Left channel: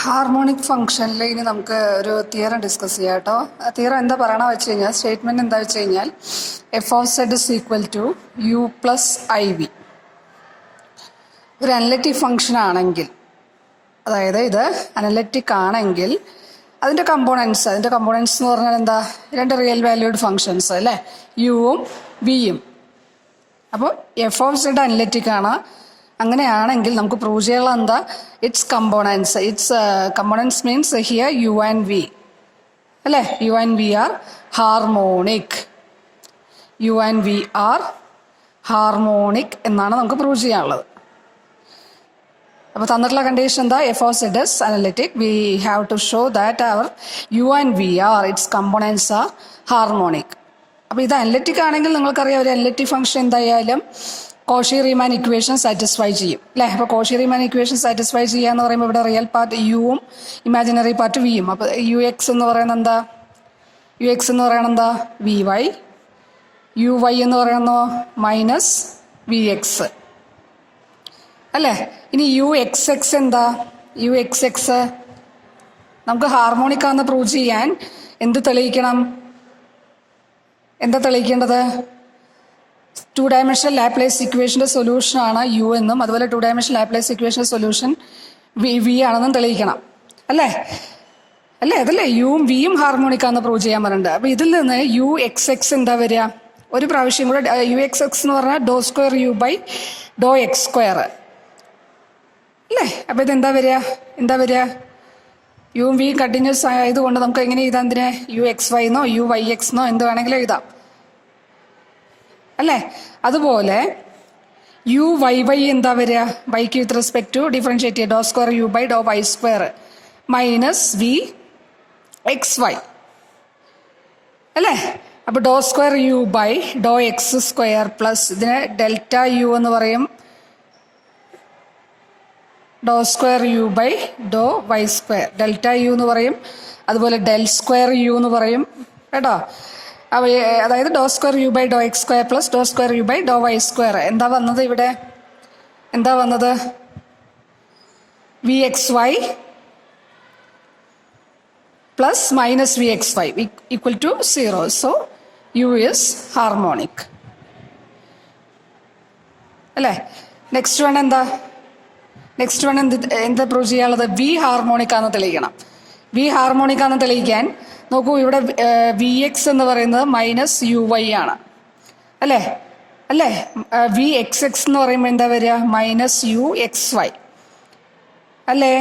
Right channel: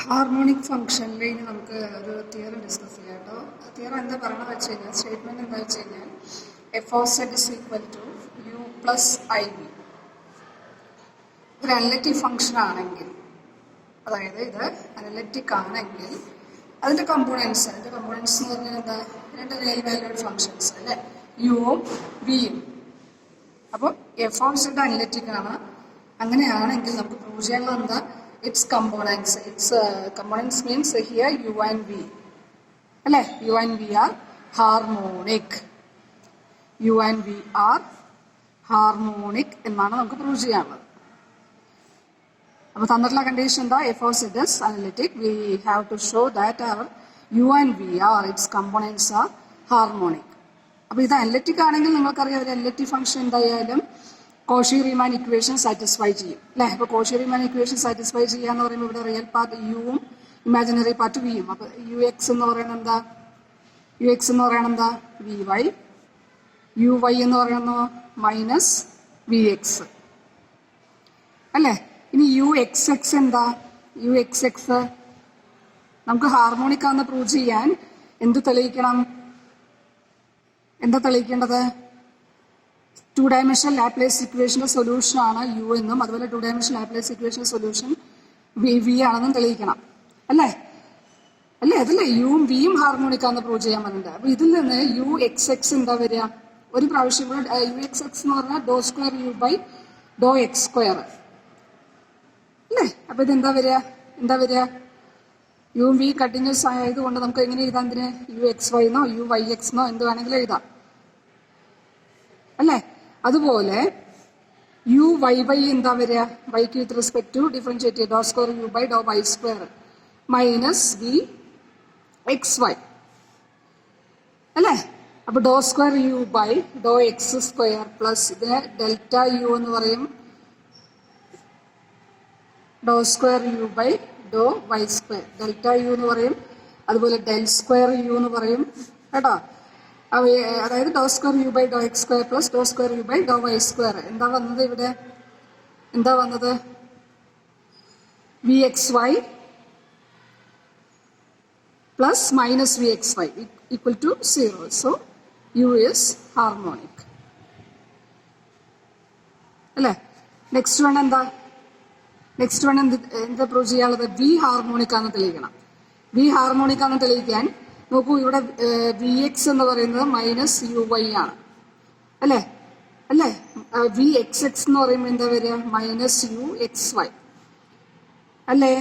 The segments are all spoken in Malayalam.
ഹാർമോണിക് ഫംഗ്ഷനിൽ ഇനി നമുക്ക് ഒരു തിയറം ഡിസ്കസ് ചെയ്യാം കേട്ടോ. ആ തിയറം എന്താ പറയണമെന്ന് വെച്ച് കഴിഞ്ഞാൽ, സ്റ്റേറ്റ്മെൻറ്റ് എന്താ വെച്ച് കഴിഞ്ഞാൽ, F of Z is equal to U plus I V. ഒരു അനലറ്റിക് ഫംഗ്ഷൻ ആണെങ്കിൽ, അതായത് ഇത് അനലറ്റിക് ആണെങ്കിൽ അതിൻ്റെ കമ്പോണൻസ് എന്ന് പറഞ്ഞാൽ എന്താ, രണ്ട് റിയൽ വാല്യൂഡ് ഫംഗ്ഷൻസ് അല്ലേ, യുവും വിയും. അപ്പോൾ എഫ് ഓഫ് സെഡ് അനലറ്റിക് ആണ്. അങ്ങനെയാണെങ്കിൽ നമുക്ക് പ്രൂവ് ചെയ്യാനുള്ള എന്താ, it's components means here u and v അല്ലേ, u and V are harmonic. U and V are harmonic എന്നാണ് നമുക്ക് പ്രൂവ് ചെയ്യാനുള്ളത്. അപ്പോൾ തന്നിട്ടുള്ള കണ്ടീഷൻ എന്താ, f of Z is analytic. We have to show that അവർ u and V are it's components are harmonic. അപ്പോൾ ഇത് അനലിറ്റിക് ആണെങ്കിൽ നിങ്ങൾക്കറിയാം, ഒരു അനലിറ്റിക് ഫംഗ്ഷൻ എന്തായാലും കോഷി റീമാൻ ഇക്വേഷൻ സാറ്റിസ്ഫൈ ചെയ്യും അല്ലേ. അപ്പോൾ കോഷി റീമാൻ ഇക്വേഷൻ സാറ്റിസ്ഫൈ ചെയ്യുക എന്ന് പറയുമ്പോൾ ഇവിടെ റിയൽ പാർട്ട് യുവും ഇമാജിനറി പാർട്ട് വിയും. അപ്പോൾ യു എക്സ് എന്ന് പറയുന്നത് എന്താ, വി വൈ. യു വൈ എന്ന് പറയുന്നത് മൈനസ് വി എക്സ് അല്ലേ. ഇനി യു എക്സ് എക്സ് എന്താ, യു എക്സ് എക്സ് നമുക്ക് ഹാർമോണിക് ആണെന്ന് പ്രൂവ് ചെയ്യാൻ എന്ത് തെളിയിക്കണം, എന്താ തെളിയിക്കേണ്ടത്, 2 ഡയമെൻഷണൽ ലാപ്ലേസ് ഇക്വേഷൻ്റെ സൊല്യൂഷനാണ് യു എന്നും, അതുപോലെ 2 ഡയമെൻഷണൽ ലാപ്ലേസ് ഇക്വേഷൻ്റെ സൊല്യൂഷൻ വി ആണെന്നും തെളിയിക്കണം അല്ലേ. അതല്ലേ യുവും വിയും ഹാർമോണിക്കാന്ന് പ്രൂവ് ചെയ്യാൻ പറഞ്ഞിട്ടുണ്ട്. അപ്പോൾ ഇതിൽ നിന്ന് യു എക്സ് എക്സ് എന്താ വരിക, ഒരു പ്രാവശ്യം കൂടെ യു എക്സ് എക്സ് എന്ന് പറഞ്ഞാൽ doe square u by Dr x square അല്ലേ. അപ്പോൾ ഇതെന്താ വരിക, യുവും വി കണ്ടിന്യൂസ് ആയതുകൊണ്ട് നമുക്ക് എങ്ങനെ എഴുതാം, എന്തിനെ, യു എക്സ് വൈ എന്നോ യു വൈ എക്സ് എന്നോ എന്ത് വേണമെങ്കിലും എഴുതാം അല്ലേ. അതുപോലെ യു വൈ വൈ എന്താ വരിക, വൈക്ക് വിത്ത് റെസ്പെക്ട് ടു ഡിഫറൻഷിയേറ്റ് ചെയ്യുക, doe square u by doe y square minus v x y അല്ലേ. അപ്പോൾ doe square u by Dr x square plus ഇതിനെ ഡെൽറ്റ യു എന്ന് പറയും, doe square u by doe y square, delta u എന്ന് പറയും. അതുപോലെ ഡെൽ സ്ക്വയർ യു എന്ന് പറയും കേട്ടോ. അതായത് doe square u by Dr x square plus doe square u by doe y square. എന്താ വന്നത് v x y plus minus v x y equal to 0. So U is harmonic അല്ലേ. നെക്സ്റ്റ് വൺ എന്താ പ്രൂവ് ചെയ്യാനുള്ളത്, വി ഹാർമോണിക് ആണെന്ന് തെളിയിക്കണം. വി ഹാർമോണിക് ആണെന്ന് തെളിയിക്കാൻ നോക്കൂ, ഇവിടെ വി എക്സ് എന്ന് പറയുന്നത് മൈനസ് യു വൈ ആണ് അല്ലേ. വി എക്സ് എക്സ് എന്ന് പറയുമ്പോൾ എന്താ വരിക, മൈനസ് യു എക്സ് വൈ അല്ലേ.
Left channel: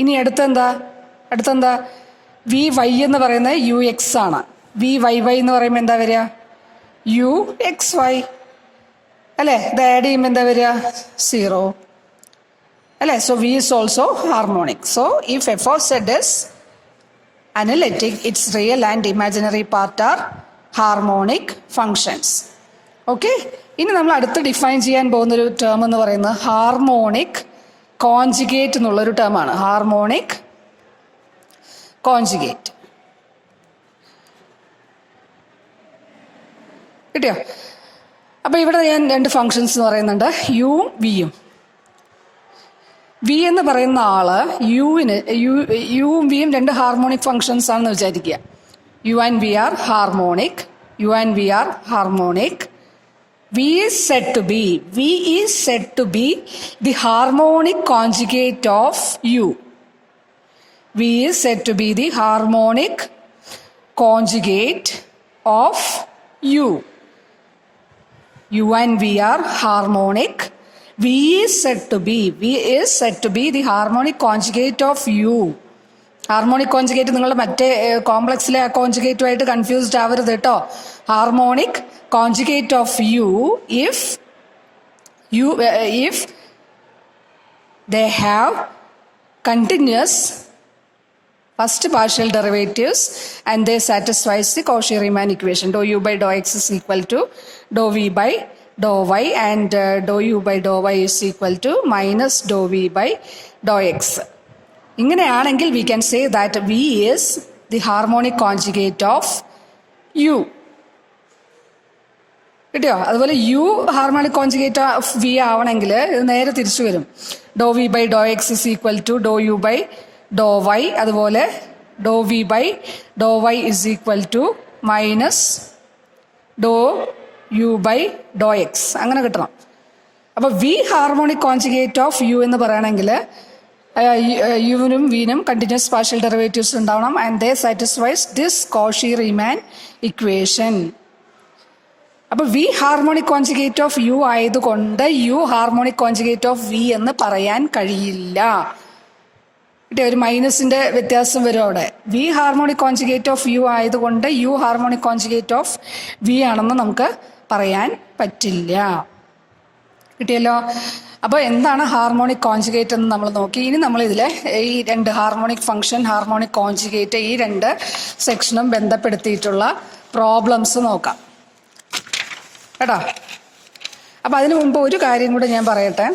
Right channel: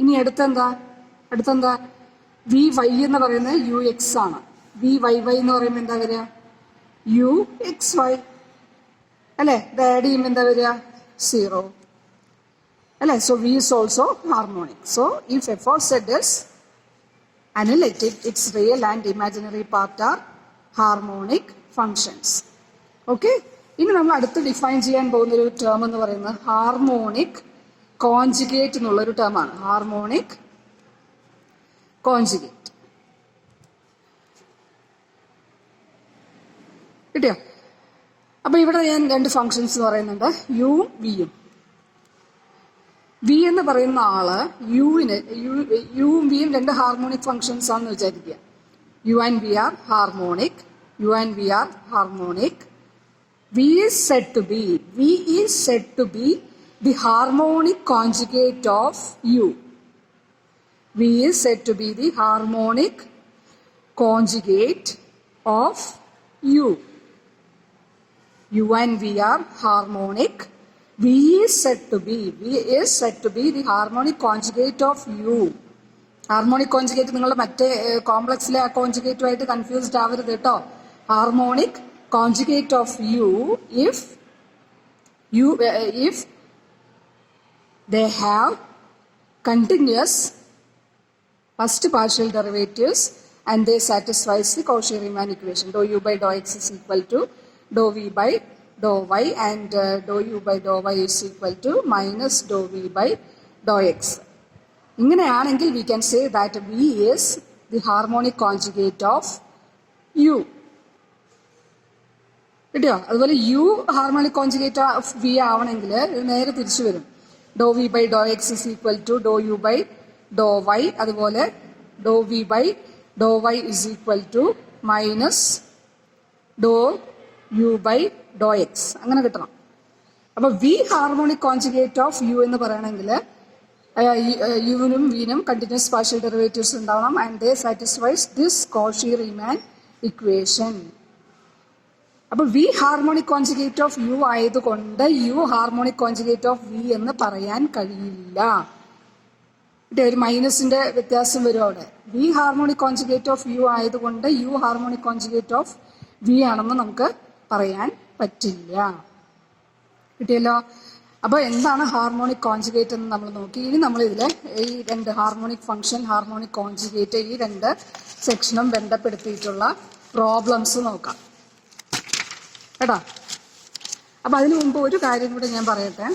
ഇനി അടുത്തെന്താ വി വൈ എന്ന് പറയുന്നത് യു എക്സ് ആണ്. വി വൈ വൈ എന്ന് പറയുമ്പോൾ എന്താ വരിക, യു എക്സ് വൈ അല്ലേ. ഇത് ആഡ് ചെയ്യുമ്പോൾ എന്താ വരിക, 0 അല്ലേ. So V is also harmonic. So if F of Z is analytic, its real and imaginary part are harmonic functions. Okay, ഇനി നമ്മൾ അടുത്ത് ഡിഫൈൻ ചെയ്യാൻ പോകുന്നൊരു ടേം എന്ന് പറയുന്നത് ഹാർമോണിക് കോൺജുഗേറ്റ് എന്നുള്ളൊരു ടേമാണ്. ഹാർമോണിക് കോൺജുഗേറ്റ് കിട്ടിയോ. അപ്പോൾ ഇവിടെ ഞാൻ 2 ഫങ്ഷൻസ് എന്ന് പറയുന്നുണ്ട്, യുവും വിയും. വി എന്ന് പറയുന്ന ആള് യുവും വിയും 2 ഹാർമോണിക് ഫങ്ഷൻസ് ആണെന്ന് വിചാരിക്കുക. U and V are harmonic. V is said to be the harmonic conjugate of U. V is said to be the harmonic conjugate of U. U and V are harmonic. V is said to be the harmonic conjugate of U. Harmonic conjugate നിങ്ങൾ മറ്റേ കോംപ്ലക്സിലെ ആ കോൺജുഗേറ്റുമായിട്ട് കൺഫ്യൂസ്ഡ് ആവരുത് കേട്ടോ. Harmonic conjugate of U if they have continuous first partial derivatives and they satisfies the Cauchy-Riemann equation. Dou u by dou x is equal to dou v by dou y and dou u by dou y is equal to minus dou v by dou x. ഇങ്ങനെയാണെങ്കിൽ we can say that v is the harmonic conjugate of u. കിട്ടിയോ. അതുപോലെ u harmonic conjugate of v ആവണമെങ്കിൽ ഇത് നേരെ തിരിച്ചു വരും. Doe V by Dr x is equal to doe u by doe y, അതുപോലെ doe V by doe y is equal to minus doe u by Dr x, അങ്ങനെ കിട്ടണം. അപ്പോൾ v harmonic conjugate of U എന്ന് പറയുകയാണെങ്കിൽ യുവിനും വിനും കണ്ടിന്യൂസ് പാർഷ്യൽ ഡെറിവേറ്റീവ്സ് ഉണ്ടാവണം. And they satisfies this Cauchy Riemann equation. അപ്പോൾ v harmonic conjugate of u ആയതുകൊണ്ട് u harmonic conjugate of v എന്ന് പറയാൻ കഴിയില്ല. ഒരു മൈനസിന്റെ വ്യത്യാസം വരും അവിടെ. V harmonic conjugate of u ആയതുകൊണ്ട് u harmonic conjugate of v ആണെന്ന് നമുക്ക് പറയാൻ പറ്റില്ല. കിട്ടിയല്ലോ. അപ്പോൾ എന്താണ് ഹാർമോണിക് കോൺജുഗേറ്റ് എന്ന് നമ്മൾ നോക്കി. ഇനി നമ്മൾ ഇതിലെ ഈ രണ്ട് ഹാർമോണിക് ഫംഗ്ഷൻ, ഹാർമോണിക് കോൺജുഗേറ്റ്, ഈ രണ്ട് സെക്ഷനും ബന്ധപ്പെടുത്തിയിട്ടുള്ള പ്രോബ്ലംസ് നോക്കാം കേട്ടോ. അപ്പോൾ അതിനു മുമ്പ് ഒരു കാര്യം കൂടെ ഞാൻ പറയട്ടെ.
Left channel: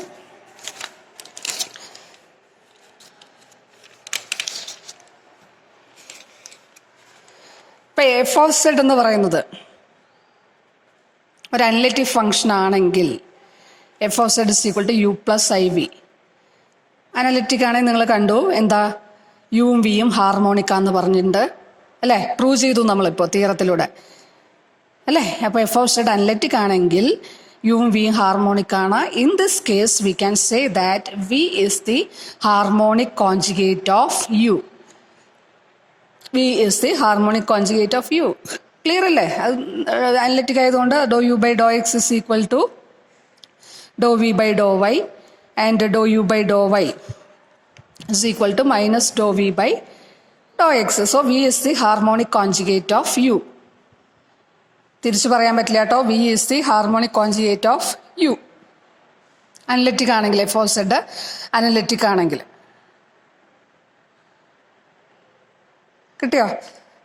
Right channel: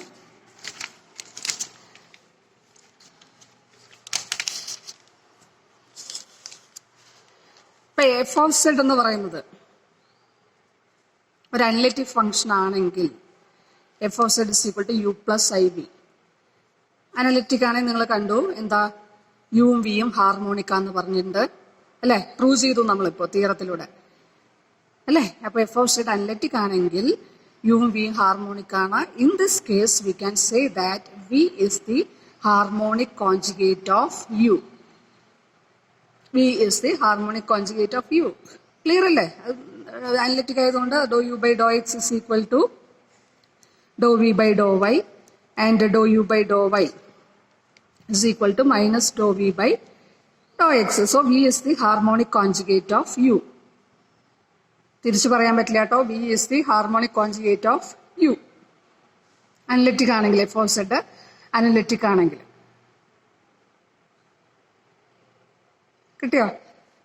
ഇപ്പം എഫ് ഓഫ് സെഡ് എന്ന് പറയുന്നത് ഒരു അനലിറ്റിക് ഫംഗ്ഷൻ ആണെങ്കിൽ F of Z is equal to U plus I V. Analytic ആണെങ്കിൽ നിങ്ങൾ കണ്ടു എന്താ, യുവും വിയും ഹാർമോണിക്കാന്ന് പറഞ്ഞിട്ടുണ്ട് അല്ലേ, പ്രൂവ് ചെയ്തു നമ്മളിപ്പോൾ തിയറത്തിലൂടെ അല്ലേ. അപ്പോൾ എഫ് ഓഫ് സെഡ് അനലിറ്റിക് ആണെങ്കിൽ യുവും വിയും ഹാർമോണിക് ആണ്. In this case we can say that V is the harmonic conjugate of U. V is the harmonic conjugate of u. Clear അല്ലേ? അത് അനലിറ്റിക് ആയതുകൊണ്ട് doe u by Dr x is equal to doe V by doe y and doe u by doe y is equal to minus Dr V by Dr X. So V is the harmonic conjugate of u. തിരിച്ചു പറയാൻ പറ്റില്ല കേട്ടോ. V is the harmonic conjugate of U. Analytic ആണെങ്കിൽ, എഫ് ഓഫ് സെഡ് അനലിറ്റിക് ആണെങ്കിൽ. കിട്ടിയോ?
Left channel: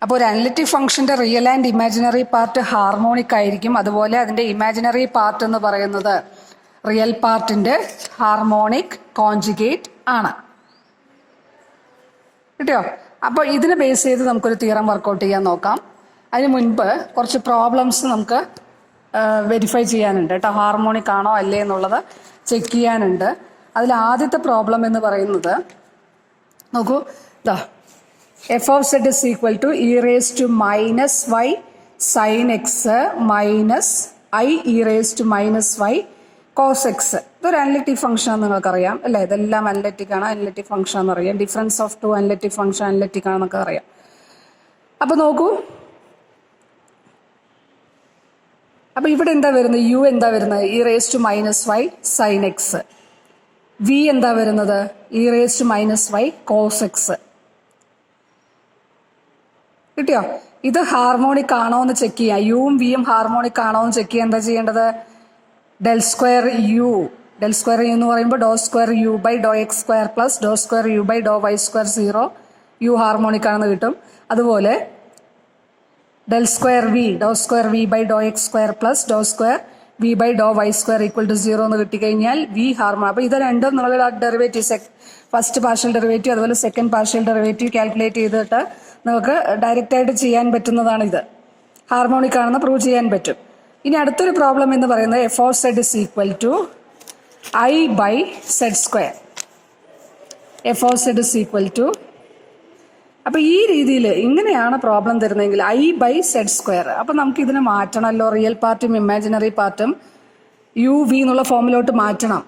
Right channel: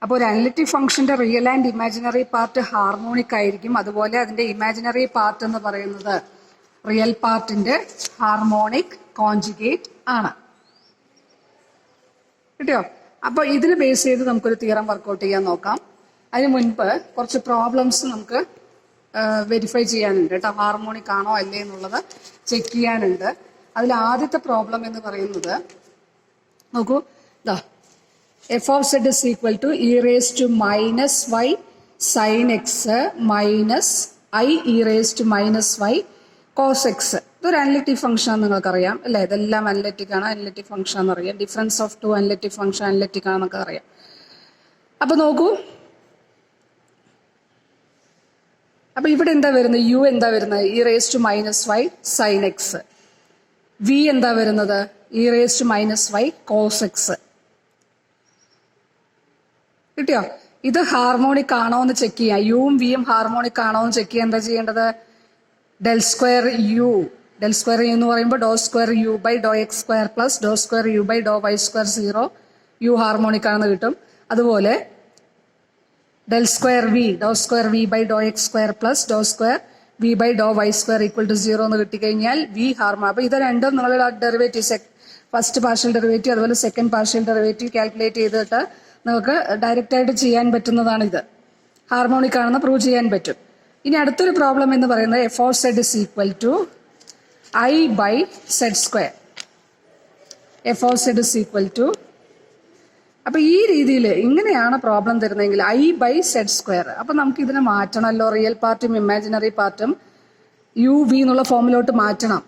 അപ്പോൾ ഒരു അനലിറ്റിക് ഫംഗ്ഷന്റെ real and imaginary part harmonic ആയിരിക്കും. അതുപോലെ അതിന്റെ ഇമാജിനറി പാർട്ട് എന്ന് പറയുന്നത് റിയൽ പാർട്ടിന്റെ ഹാർമോണിക് കോൺജുഗേറ്റ് ആണ്. കിട്ടിയോ? അപ്പോൾ ഇതിനെ ബേസ് ചെയ്ത് നമുക്കൊരു തിയറം വർക്കൗട്ട് ചെയ്യാൻ നോക്കാം. അതിന് മുൻപ് കുറച്ച് പ്രോബ്ലംസ് നമുക്ക് വെരിഫൈ ചെയ്യാനുണ്ട് കേട്ടോ. ഹാർമോണിക് ആണോ അല്ലേ എന്നുള്ളത് ചെക്ക് ചെയ്യാനുണ്ട്. അതിൽ ആദ്യത്തെ പ്രോബ്ലം എന്ന് പറയുന്നത് നോക്കൂ, ഇതാ F of Z is equal to E raise to minus Y sine X minus I E raise to minus Y cos X. ഇതൊരു അനലിറ്റിക് ഫംഗ്ഷൻ ആണെന്ന് നിങ്ങൾക്കറിയാം അല്ലേ. ഇതെല്ലാം അനലിറ്റിക് ആണ്, അനലിറ്റിക് ഫംഗ്ഷൻ എന്നറിയാം. Difference of two analytic function analytic ആണെന്നൊക്കെ അറിയാം. അപ്പോൾ നോക്കൂ, അപ്പോൾ ഇവിടെ എന്താ വരുന്നത്, യു എന്താ വരുന്നത്, E raise to minus Y sine X. V എന്താ വരുന്നത്, E raise to minus Y cos X. കിട്ടിയോ? ഇത് ഹാർമോണിക് ആണോ എന്ന് ചെക്ക് ചെയ്യാം. യുവും വിയും ഹാർമോണിക് ആണോ എന്ന് ചെക്ക് ചെയ്യാൻ എന്താ ചെയ്യേണ്ടത്, del square u. Del square u എന്ന് പറയുമ്പോൾ doe square u by Dr x square plus doe square u by doe y square 0. U harmonic ആണെന്ന് കിട്ടും. അതുപോലെ del square v, doe square v by Dr x square plus doe square v by doe y square equal to 0 എന്ന് കിട്ടിക്കഴിഞ്ഞാൽ വി ഹാർമോണിക്. അപ്പോൾ ഇത് രണ്ടും നിങ്ങൾ ഡെറിവേറ്റീവ്, ഫസ്റ്റ് പാർഷ്യൽ ഡെറിവേറ്റീവ് അതുപോലെ സെക്കൻഡ് പാർഷ്യൽ ഡെറിവേറ്റീവ് കാൽക്കുലേറ്റ് ചെയ്തിട്ട് നമുക്ക് ഡയറക്റ്റ് ആയിട്ട് ചെയ്യാൻ പറ്റുന്നതാണ്. ഇത് ഹാർമോണിക് ആണെന്ന് പ്രൂവ് ചെയ്യാൻ പറ്റും. ഇനി അടുത്തൊരു പ്രോബ്ലം എന്ന് പറയുന്നത് f of Z is equal to i by Z square. F of Z is equal to, അപ്പോൾ ഈ രീതിയിൽ ഇങ്ങനെയാണ് പ്രോബ്ലം തരുന്നതെങ്കിൽ ഐ ബൈ സെഡ് സ്ക്വയർ. അപ്പോൾ നമുക്ക് ഇതിനെ മാറ്റണമല്ലോ, റിയൽ പാർട്ടും ഇമാജിനറി പാർട്ടും യു വി എന്നുള്ള ഫോമിലോട്ട് മാറ്റണം.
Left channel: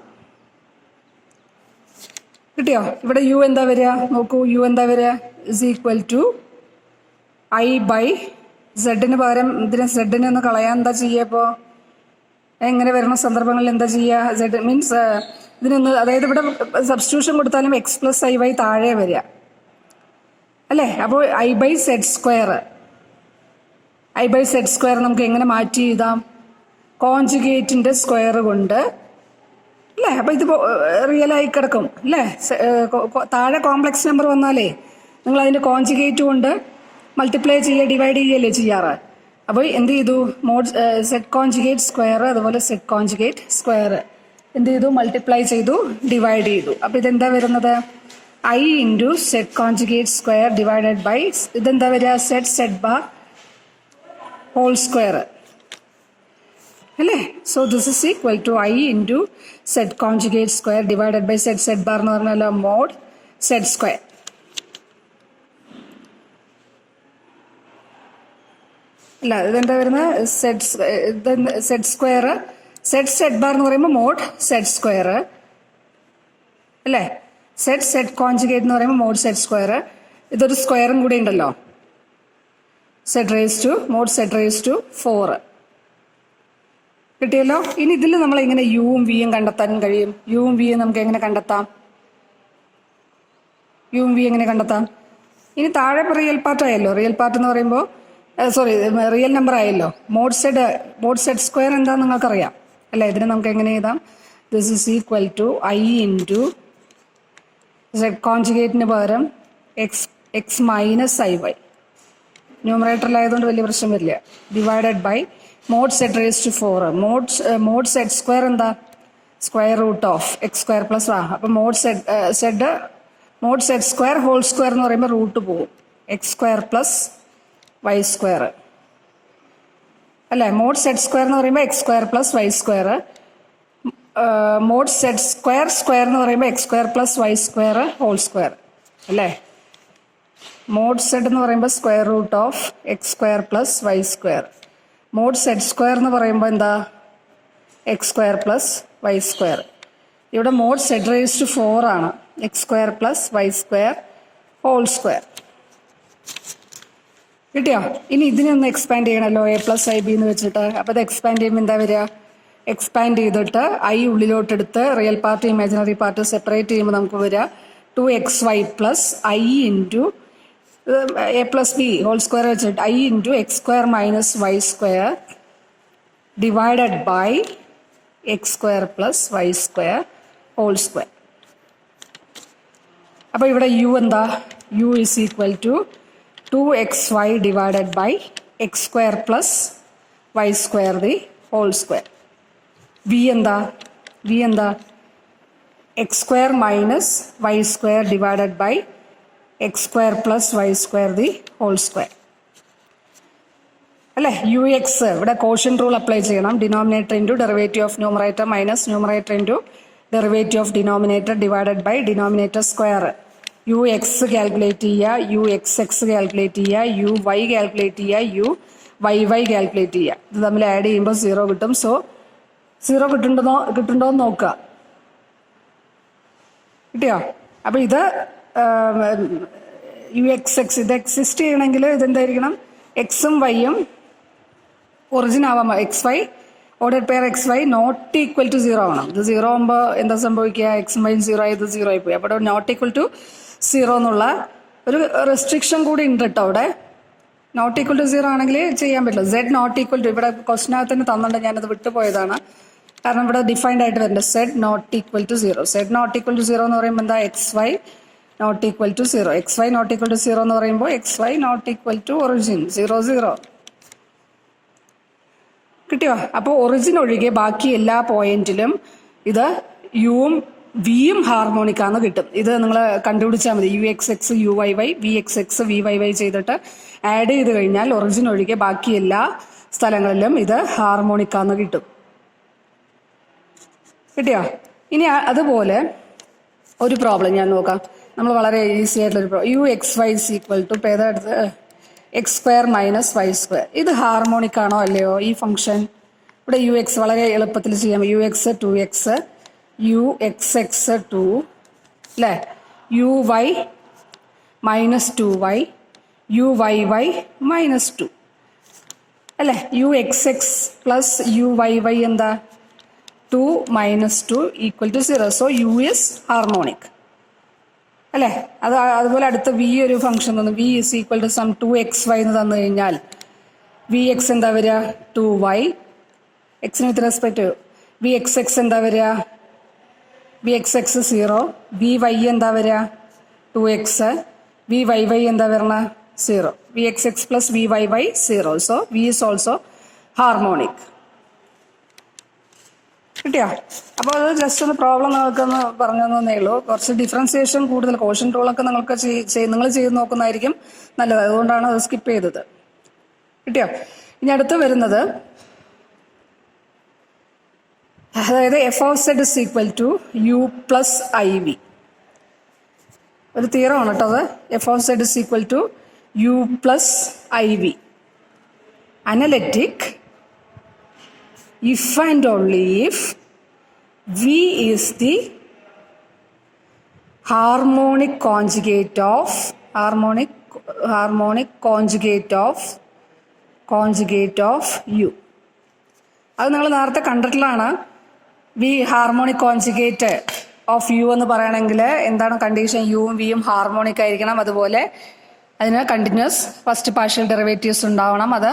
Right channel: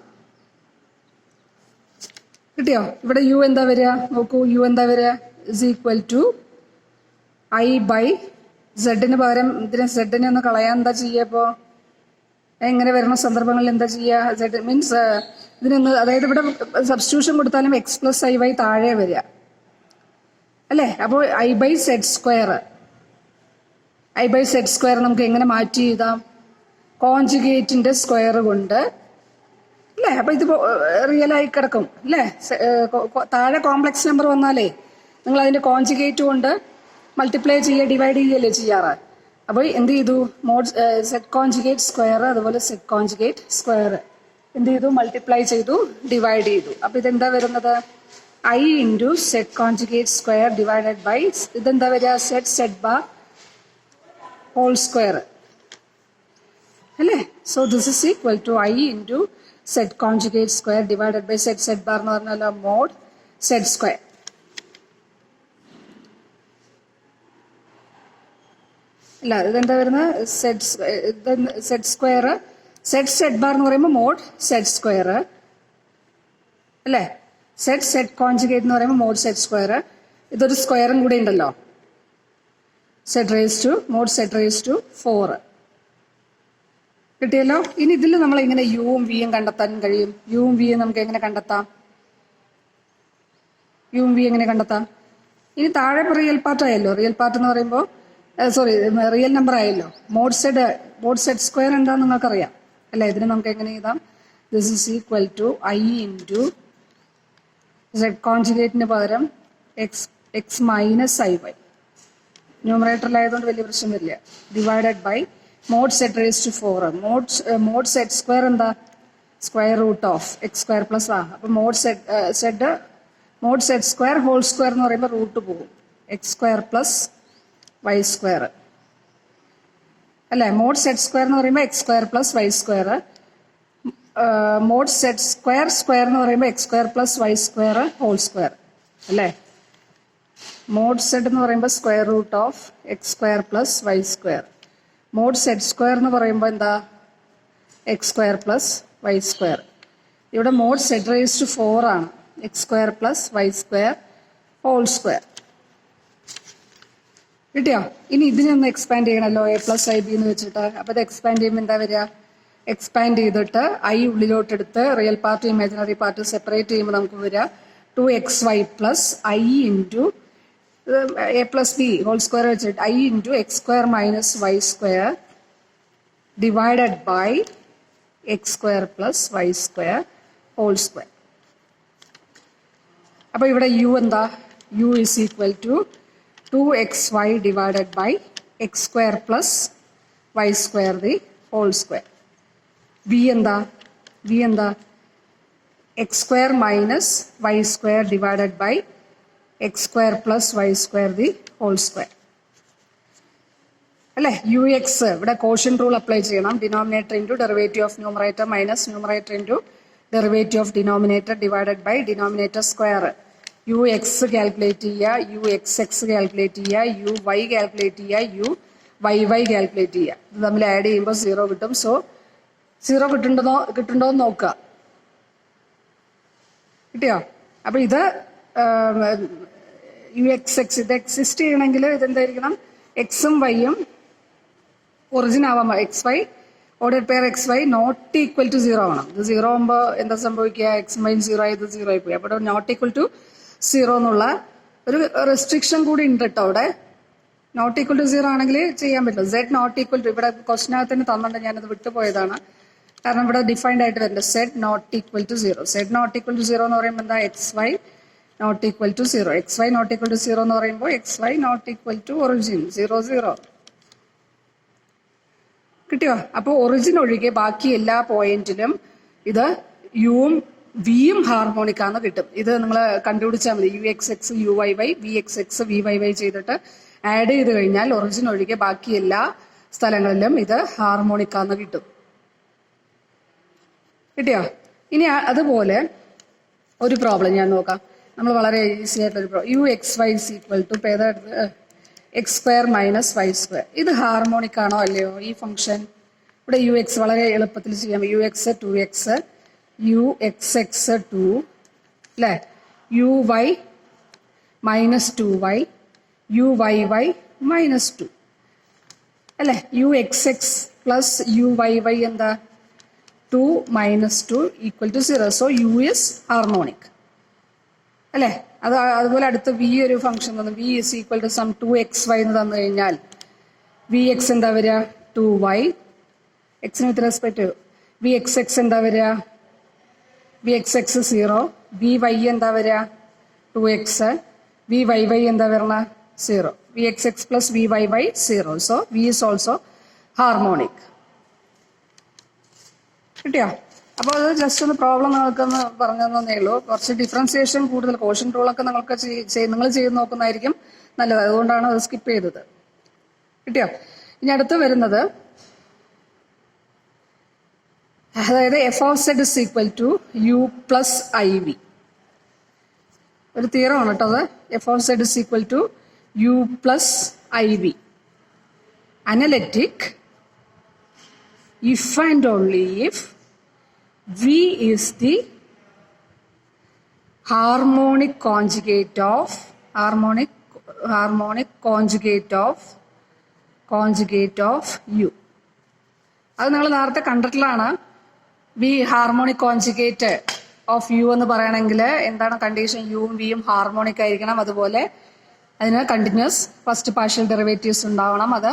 കിട്ടിയോ? ഇവിടെ യു എന്താ വരിക നോക്കൂ, യു എന്താ വരിക is equal to i by സെഡിന് പകരം ഇതിനെ സെഡിനെ ഒന്ന് കളയാൻ എന്താ ചെയ്യുക? ഇപ്പോൾ എങ്ങനെ വരുന്ന സന്ദർഭങ്ങളിൽ എന്താ ചെയ്യുക? സെഡ് മീൻസ് ഇതിനൊന്ന്, അതായത് ഇവിടെ സബ്സ്റ്റിറ്റ്യൂഷൻ കൊടുത്താലും എക്സ് പ്ലസ് ഐ വൈ താഴെ വരിക അല്ലേ. അപ്പോൾ I by Z square, I by Z square നമുക്ക് എങ്ങനെ മാറ്റി എഴുതാം? കോൺജുഗേറ്റിന്റെ സ്ക്വയർ കൊണ്ട് അല്ലേ. അപ്പോൾ ഇത് റിയൽ ആയി കിടക്കും അല്ലേ. താഴെ കോംപ്ലക്സ് നമ്പർ വന്നാലേ നിങ്ങൾ അതിന്റെ കോൺജുഗേറ്റ് കൊണ്ട് മൾട്ടിപ്ലൈ ചെയ്യുക, ഡിവൈഡ് ചെയ്യല്ലേ ചെയ്യാറ്. അപ്പോൾ എന്ത് ചെയ്തു, മോഡ് സെഡ് കോൺജുഗേറ്റ് സ്ക്വയർ അതുപോലെ സെഡ് കോൺജുഗേറ്റ് സ്ക്വയർ എന്ത് ചെയ്തു, മൾട്ടിപ്ലൈ ചെയ്തു, ഡിവൈഡ് ചെയ്തു. അപ്പോൾ ഇതെന്താ വരുന്നത്, i into z conjugate square divided by ഇതെന്താ വരിക, z z bar whole square അല്ലേ. So this is equal to i into z conjugate square divided by z z bar എന്ന് പറഞ്ഞാൽ മോഡ് സെഡ് സ്ക്വയർ. അല്ല, ഇതെന്താ വരുന്നത്? Z square. സെഡ് ബാർ എന്ന് പറയുമ്പോൾ മോഡ് സെഡ് സ്ക്വയർ അല്ലേ? സെഡ് കോൺജുഗേറ്റ് എന്ന് പറയുമ്പോൾ മോഡ് സെഡ് സ്ക്വയർ. ഇതൊരു സ്ക്വയറും കൂടെ ഉണ്ടല്ലോ, Z raise to mod Z raise to 4 കിട്ടിയല്ലോ. ഇനി ഇതിൽ നമ്മൾ എങ്ങനെ യുവും വിയും കണ്ടെത്താൻ കഴിയും? യുവും വിയും നമുക്ക് എങ്ങനെ കണ്ടെത്താം? യുവും വി എങ്ങനെ കണ്ടെത്താം? ഇനി താഴെ റിയൽ പാർട്ട് ആയല്ലോ. റിയൽ പാർട്ട് എന്ന് പറയുമ്പോൾ റിയൽ നമ്പർ ആയല്ലോ. മോഡ് സെഡ് സ്ക്വയർ എന്താണെന്ന് നിങ്ങൾക്കറിയാം അല്ലേ? ഇതിന് നമുക്ക് എങ്ങനെ എഴുതാം? This is equal to i into z കോൺജുഗേറ്റിന് പകരം എക്സ് മൈനസ് ഐ വൈ, ന്യൂമറേറ്ററിലായതുകൊണ്ട് വലിയ പ്രശ്നം വരില്ല, divided by mod Z raise to 4. Mod Z square എന്താ? Square root of X square plus അപ്പം mod Z square whole square എന്ന് പറയുമ്പോൾ റൂട്ട് പോകും, x square plus Y square അല്ലേ? മോഡ് സെഡ് സ്ക്വയർ എന്ന് പറയുമ്പോൾ X square plus Y square. Mod Z square എന്ന് പറയുമ്പോൾ X square plus Y square whole square അല്ലേ? മോഡ് സെഡ് എന്ന് പറയുമ്പോൾ square root of X square plus Y square. Mod Z square എന്ന് പറയുമ്പോൾ എന്താ? X square plus Y square. ഇവിടെ മോഡ് സെഡ് റേസ് ടു 4 ആണ്, X square plus Y square whole square. കിട്ടിയോ? ഇനി ഇതിനെ ഒന്ന് എക്സ്പാൻഡ് ചെയ്യണമല്ലോ, എ പ്ലസ് ഐ ബി എന്ന് വെച്ചിട്ട്. അപ്പോൾ ഇത് എക്സ്പാൻഡ് ചെയ്യുമ്പോൾ എന്താ വരിക? എക്സ്പാൻഡ് ചെയ്തിട്ട് ഐ ഉള്ളിലോട്ടെടുത്ത് real part imaginary part separate ചെയ്യുമ്പോൾ നമുക്ക് വരിക 2xy plus i into a plus b whole square വെച്ചിട്ട് i into x square minus y square divided by x square plus Y square whole square. അപ്പോൾ ഇവിടെ യു എന്താ? U is equal to 2xy divided by x square plus Y square the whole square. V എന്താ? X square minus y square divided by x square plus Y square the whole square അല്ലേ? യു എക്സ് ഇവിടെ കോഷ്യന്റ് റൂൾ അപ്ലൈ ചെയ്യണം. Denominator into derivative of numerator minus numerator into derivative of denominator divided by denominator square. U X calculate ചെയ്യുക, യു എക്സ് കാൽക്കുലേറ്റ് ചെയ്യുക, യു വൈ കാൽക്കുലേറ്റ് ചെയ്യുക, യു വൈ കാൽക്കുലേറ്റ് ചെയ്യുക. ഇത് തമ്മിൽ ആഡ് ചെയ്യുമ്പോൾ 0 കിട്ടും. സോ 0 കിട്ടുന്നുണ്ടോ എന്ന് നോക്കുക. കിട്ടിയോ? അപ്പോൾ ഇത് യു എക്സ് ഇത് എക്സിസ്റ്റ് ചെയ്യണമെങ്കിൽ ഇതെന്തായിരിക്കണം? എക്സും വൈയും ഒറിജിൻ ആവാം. X Y order pair X Y not equal to 0 ആവണം. ഇത് 0 ആകുമ്പോൾ എന്താ സംഭവിക്കുക? എക്സും വൈയും 0 ആയി, ഇത് 0 ആയി പോയി. അപ്പോൾ നോട്ട് ഈക്വൽ ടു 0 എന്നുള്ള ഒരു റെസ്ട്രിക്ഷൻ കൂടി ഉണ്ട് കേട്ടോ. അവിടെ നോട്ട് ഈക്വൽ ടു 0 ആണെങ്കിൽ ചെയ്യാൻ പറ്റില്ല. സെഡ് നോട്ട് ഈക്വൽ ടു ഇവിടെ ക്വസ്റ്റിനകത്ത് തന്നെ തന്നിട്ടുണ്ട്, ഞാനത് വിട്ടുപോയതാണ്. കാരണം ഇവിടെ ഡിഫൈൻഡ് ആയിട്ട് വരുന്നുണ്ട് Z not equal to 0. Z not equal to 0 എന്ന് പറയുമ്പോൾ എന്താ? X Y not equal to 0. X Y not equal to 0 എന്ന് പറയുമ്പോൾ X Y not equal to origin 0. കിട്ടിയോ? അപ്പോൾ ഒറിജിൻ ഒഴികെ ബാക്കി എല്ലാ പോയിന്റിലും ഇത് യുവും വിയും ഹാർമോണിക് ആണെന്ന് കിട്ടും. ഇത് നിങ്ങൾ കണ്ടുപിടിച്ചാൽ മതി. U X X U Y Y, V X X V Y Y ചെയ്തിട്ട് ആഡ് ചെയ്ത് കഴിഞ്ഞാൽ ഒറിജിൻ ഒഴികെ ബാക്കി എല്ലാ സ്ഥലങ്ങളിലും ഇത് ഹാർമോണിക് ആണെന്ന് കിട്ടും. കിട്ടിയോ? ഇനി അതുപോലെ ഒരു പ്രോബ്ലം ഞാൻ നോക്കാം. നമ്മൾ വളരെ ഈസി ആയിട്ടുള്ളൊരു problem. U x y is equal to ഇപ്പോൾ ഏതാടുത്ത് x square minus y square. ഇത് ഹാർമോണിക് ആണോ അല്ലയോ ഈ ഫംഗ്ഷൻ? ഇവിടെ യു എക്സ് വളരെ എളുപ്പത്തിൽ ചെയ്യാം. U X 2x, U X X 2 അല്ലേ? U Y minus 2y, U Y Y minus 2 അല്ലേ? U X X plus U Y Y എന്താ? 2 minus 2 equal to 0. So U is harmonic അല്ലേ? അതുപോലെ അടുത്ത വി ഒരു ഫംഗ്ഷൻ തന്നു. V is equal to some 2xy എന്ന് തന്നു കഴിഞ്ഞാൽ വി എക്സ് എന്താ വരിക? 2y. എക്സിന് with respect V X X എന്താ വരിക? V X X 0. V Y എന്താ വരിക? 2x. വി വൈ വൈ എന്താ വരണ? 0. V X X plus V Y Y 0. So V is also harmonic. കിട്ടിയോ? അപ്പോൾ അത് ജസ്റ്റ് ഒന്ന് പ്രോബ്ലം നിങ്ങൾക്കൊന്ന് പറഞ്ഞു തന്നേ ഉള്ളൂ. കുറച്ച് ഡിഫറൻസിയേഷൻ കൂടുതൽ കോഷ്യന്റ് റൂളൊക്കെ നിങ്ങൾക്ക് നിങ്ങൾ ചെയ്ത് നോക്കുന്നതായിരിക്കും നല്ലത്. അതുകൊണ്ടാണ് അത് സ്കിപ്പ് ചെയ്തത്. കിട്ടിയോ? ഇനി അടുത്ത് വരുന്നത് അതായത് F of Z is equal to U plus I V. ഒരു തിയറമാണ് കേട്ടോ അത്. F of Z is equal to U plus I V. analytic if and only if V is the harmonic conjugate of U. അത് നിങ്ങൾ നേരത്തെ കണ്ടിട്ടുള്ളതാണ്. V harmonic conjugate of U എന്ന് പറയണമെങ്കിൽ എന്താണ് കണ്ടീഷൻ? യുവും വിയും ഹാർമോണിക് ആയിരിക്കണം. അതുപോലെ അതിന് കണ്ടിന്യൂസ് ഫസ്റ്റ് പാർഷ്യൽ ഡെറിവേറ്റീവ്സ് ഉണ്ടാവണം. അത്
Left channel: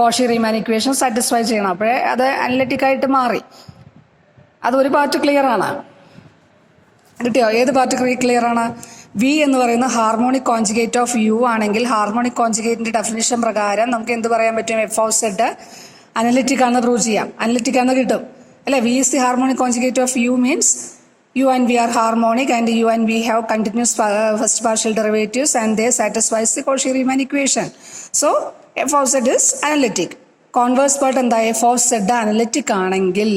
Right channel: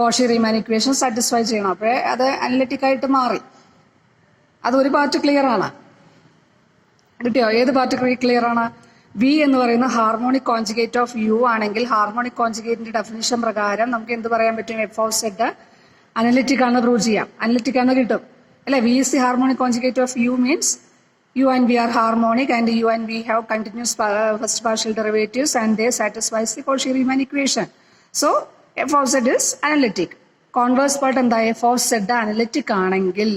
കോഷി റീമാൻ ഇക്വേഷൻ സാറ്റിസ്ഫൈ ചെയ്യണം. അപ്പോഴേ അത് അനലിറ്റിക് ആയിട്ട് മാറി. അത് ഒരു പാർട്ട് ക്ലിയർ ആണ്. കിട്ടിയോ? ഏത് പാർട്ട് ക്ലിയർ ആണ്? വി എന്ന് പറയുന്ന ഹാർമോണിക് കോൺജുഗേറ്റ് ഓഫ് യു ആണെങ്കിൽ ഹാർമോണിക് കോൺജുഗേറ്റിന്റെ ഡെഫിനിഷൻ പ്രകാരം നമുക്ക് എന്ത് പറയാൻ പറ്റും? എഫ് ഓഫ് സെഡ് അനലിറ്റിക് ആണെന്ന് പ്രൂവ് ചെയ്യാം. അനലിറ്റിക് ആണെന്ന് കിട്ടും അല്ലെ? V is the harmonic conjugate of u means u and V are harmonic and u and v have continuous first partial derivatives and they satisfies the Cauchy Riemann equation. So f of Z is analytic. Converse part എന്താ? എഫ് ഓഫ് സെഡ് അനലിറ്റിക് ആണെങ്കിൽ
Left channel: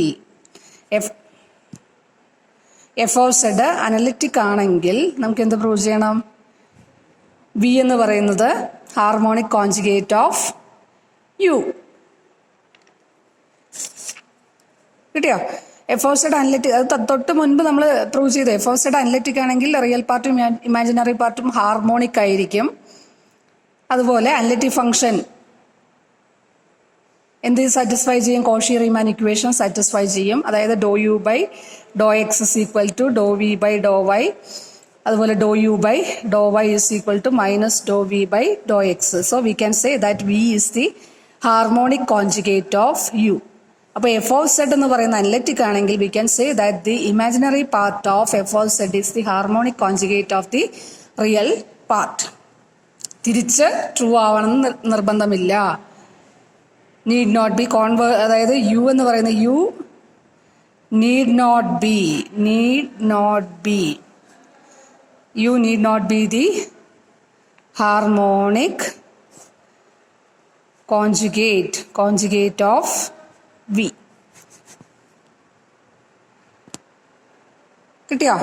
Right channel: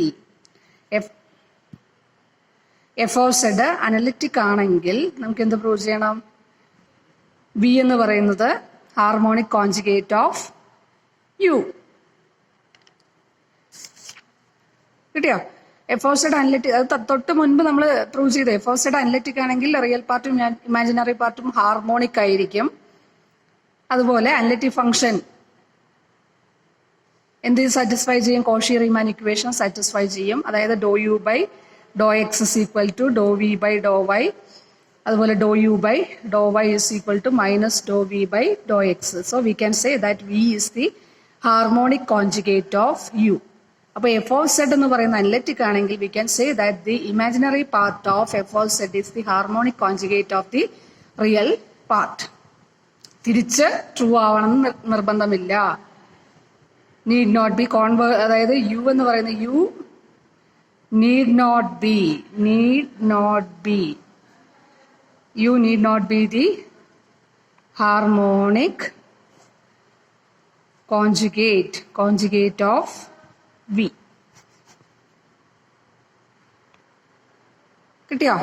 എഫ് ഓഫ് സെഡ് അനലിറ്റിക് ആണെങ്കിൽ നമുക്ക് എന്ത് പ്രൂവ് ചെയ്യണം? വി എന്ന് പറയുന്നത് ഹാർമോണിക് കോൺജുഗേറ്റ് ഓഫ് യു. കിട്ടിയോ? എഫ് ഓഫ് സെഡ് അനലിറ്റിക്, അത് തൊട്ട് മുൻപ് നമ്മൾ പ്രൂവ് ചെയ്തു. എഫ് ഓഫ് സെഡ് അനലിറ്റിക് ആണെങ്കിൽ റിയൽ പാർട്ടും ഇമാജിനറി പാർട്ടും ഹാർമോണിക് ആയിരിക്കും. അതുപോലെ അനലിറ്റിക് ഫംഗ്ഷൻ എന്ത് സാറ്റിസ്ഫൈ ചെയ്യും? കോഷി റീമാൻ ഇക്വേഷൻ സാറ്റിസ്ഫൈ ചെയ്യും. അതായത് doe u by Dr x is equal to doe V by doe y. അതുപോലെ doe u by doe y is equal to minus Dr V by Dr X. So we can say that V is the harmonic conjugate of U. അപ്പോൾ എഫ് ഓഫ് സെഡ് എന്ന് പറയുന്ന അനലിറ്റിക് ആണെങ്കിൽ we can say that the imaginary part of F of Z is the harmonic conjugate of the real part. തിരിച്ച് ട്രൂ ആവണമെന്ന് നിർബന്ധമില്ല. നീഡ് നോട്ട് ബി അതായത് യു എന്ന് പറയുന്ന U need not be the harmonic conjugate of V. കിട്ടിയോ?